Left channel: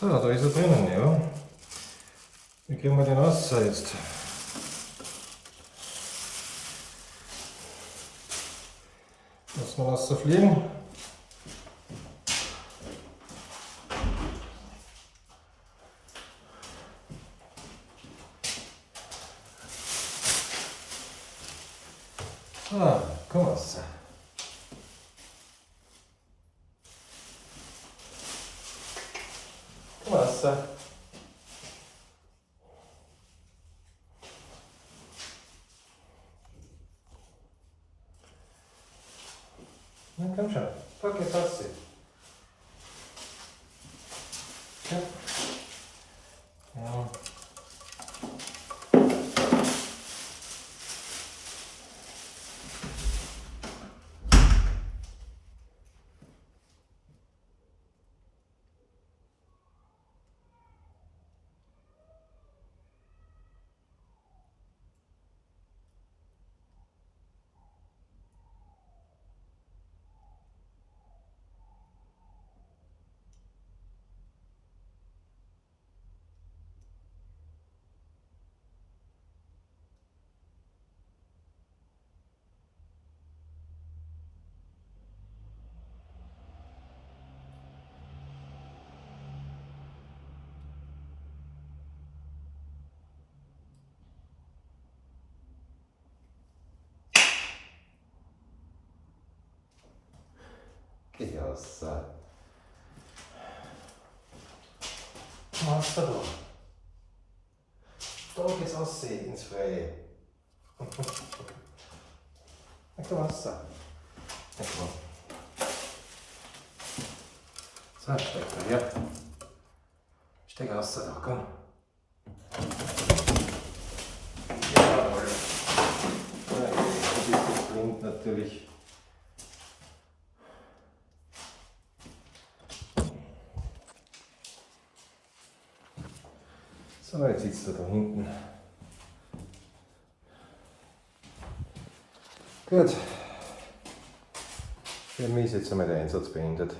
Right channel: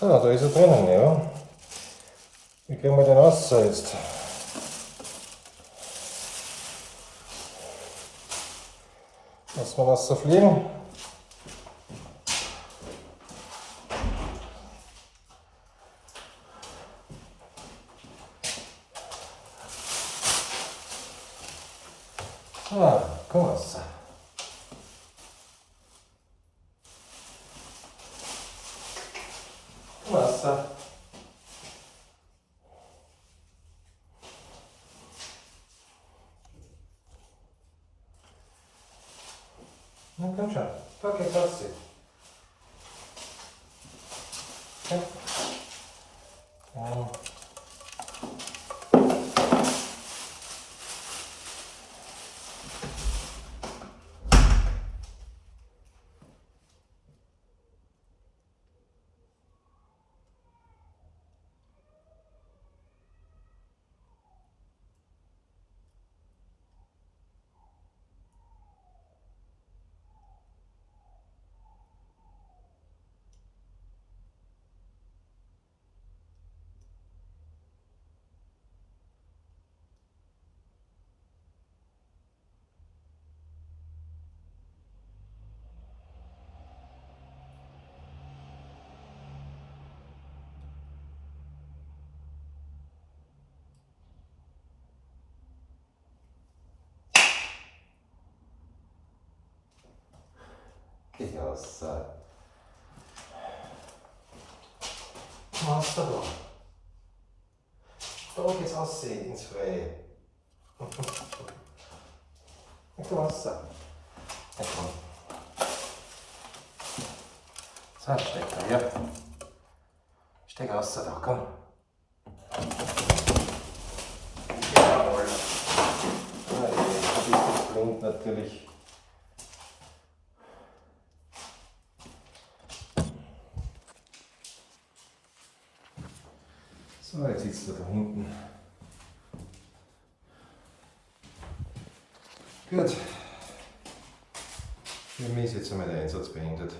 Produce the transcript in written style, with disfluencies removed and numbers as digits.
So, da ist er drinnen, ja. Wie kriegen wir den raus jetzt? Lassen wir das so fliegen. Ah, komm raus. Komm raus. Na komm schon, da geht's raus. Ja. Ja. Geh raus. Komm raus da. Da geht's raus ins Freie. Na komm raus. Na komm. So, steck da her. Steck raus da, komm. Jawohl. Das ist blind natürlich. So, jetzt sitzt er da hinten. Gut. Für mich ist jetzt einmal der Einsatz beendet.